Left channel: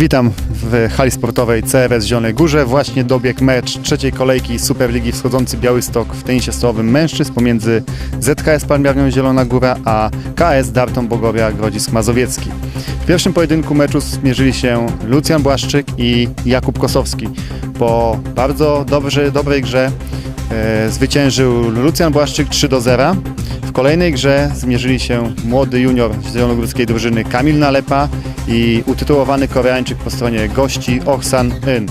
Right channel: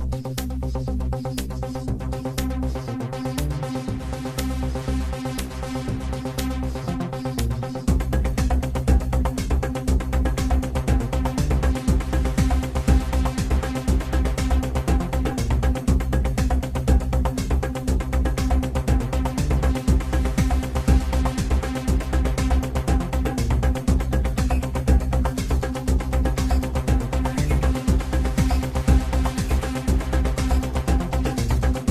Witam w hali sportowej CRS Zielonej Górze. Właśnie dobiegł mecz trzeciej kolejki Superligi Wschodzący Białystok w tenisie stołowym mężczyzn pomiędzy ZKS Palmiarnią Zielona Góra a KS Dartą Bogowia Grodzisk Mazowiecki. W pierwszym pojedynku meczu zmierzyli się Lucjan Błaszczyk i Jakub Kosowski. Po bardzo dobrze, dobrej grze e, zwyciężył Lucjan Błaszczyk 3 do 0. W kolejnej grze zmierzyli się młody junior z zielonogórskiej drużyny Kamil Nalepa i utytułowany Koreańczyk po stronie gości Oksan In.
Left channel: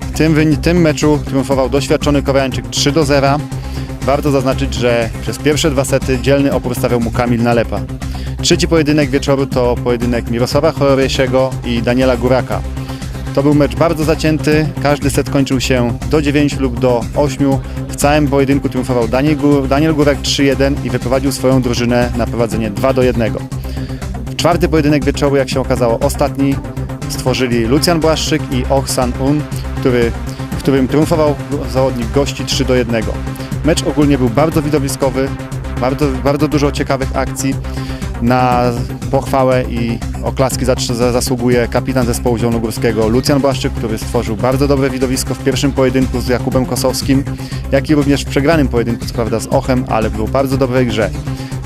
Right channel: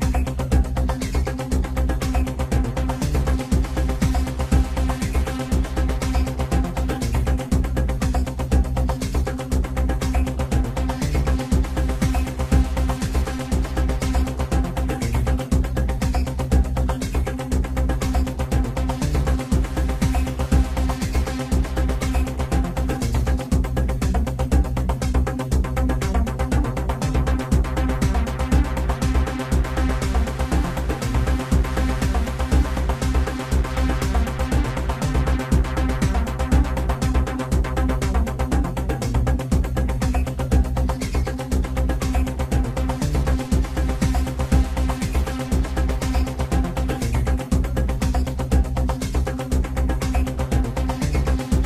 W tym, tym meczu triumfował doświadczony Koreańczyk 3 do 0. Warto zaznaczyć, że przez pierwsze dwa sety dzielny opór stawiał mu Kamil Nalepa. Trzeci pojedynek wieczoru to pojedynek Mirosława Chorowiesiego i Daniela Góraka. To był mecz bardzo zacięty, każdy set kończył się do 9 lub do 8. W całym pojedynku triumfował Daniel, Daniel Górek 3-1 i wyprowadził swoją drużynę na prowadzenie 2 do 1. Czwarty pojedynek wieczoru, jak się okazało, ostatni stworzyli Lucjan Błaszczyk i Oksan Un, który, w którym triumfował zawodnik gości 3 do 1. Mecz ogólnie był bardzo widowiskowy, bardzo, bardzo dużo ciekawych akcji. Na pochwałę i oklaski za- za- zasługuje kapitan zespołu zielonogórskiego Lucjan Błaszczyk, który stworzył bardzo dobre widowisko w pierwszym pojedynku z Jakubem Kosowskim, jak i również w przegranym pojedynku, prawda z Ochem, ale był bardzo dobrej grze.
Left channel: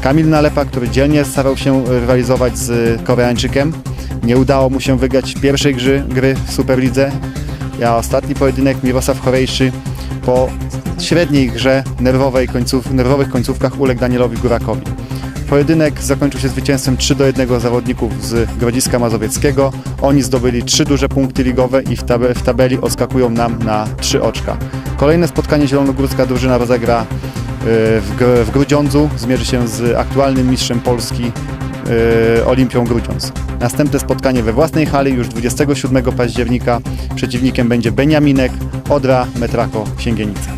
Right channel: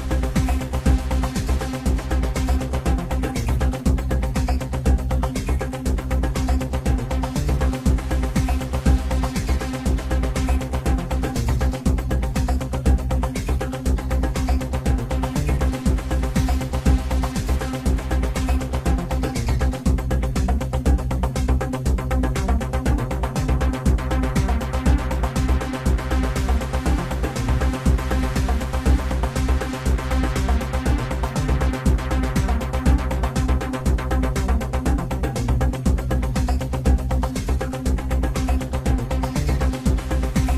Kamil Nalepa, który dzielnie starał się rywalizować z Koreańczykiem. Nie udało mu się wygrać pierwszej gry, gry w Superlidze. A ostatni pojedynek Mirosław Chorejszy po średniej grze nerwowej końców, nerwowych końcówkach uległ Danielowi Górakowi. Pojedynek zakończył się zwycięstwem 3 do 1 zawodników z Grodziska Mazowieckiego. Oni zdobyli trzy duże punkty ligowe i w, tabe, w tabeli odskakują nam na trzy oczka. Kolejne spotkanie zielonogórska drużyna rozegra y, w, w Grudziądzu. Zmierzy się z aktualnym mistrzem Polski y, Olimpią Grudziądz. Następne spotkanie we własnej hali już 27 października. Przeciwnikiem będzie Beniaminek, Odra, Metrako, Księgienica.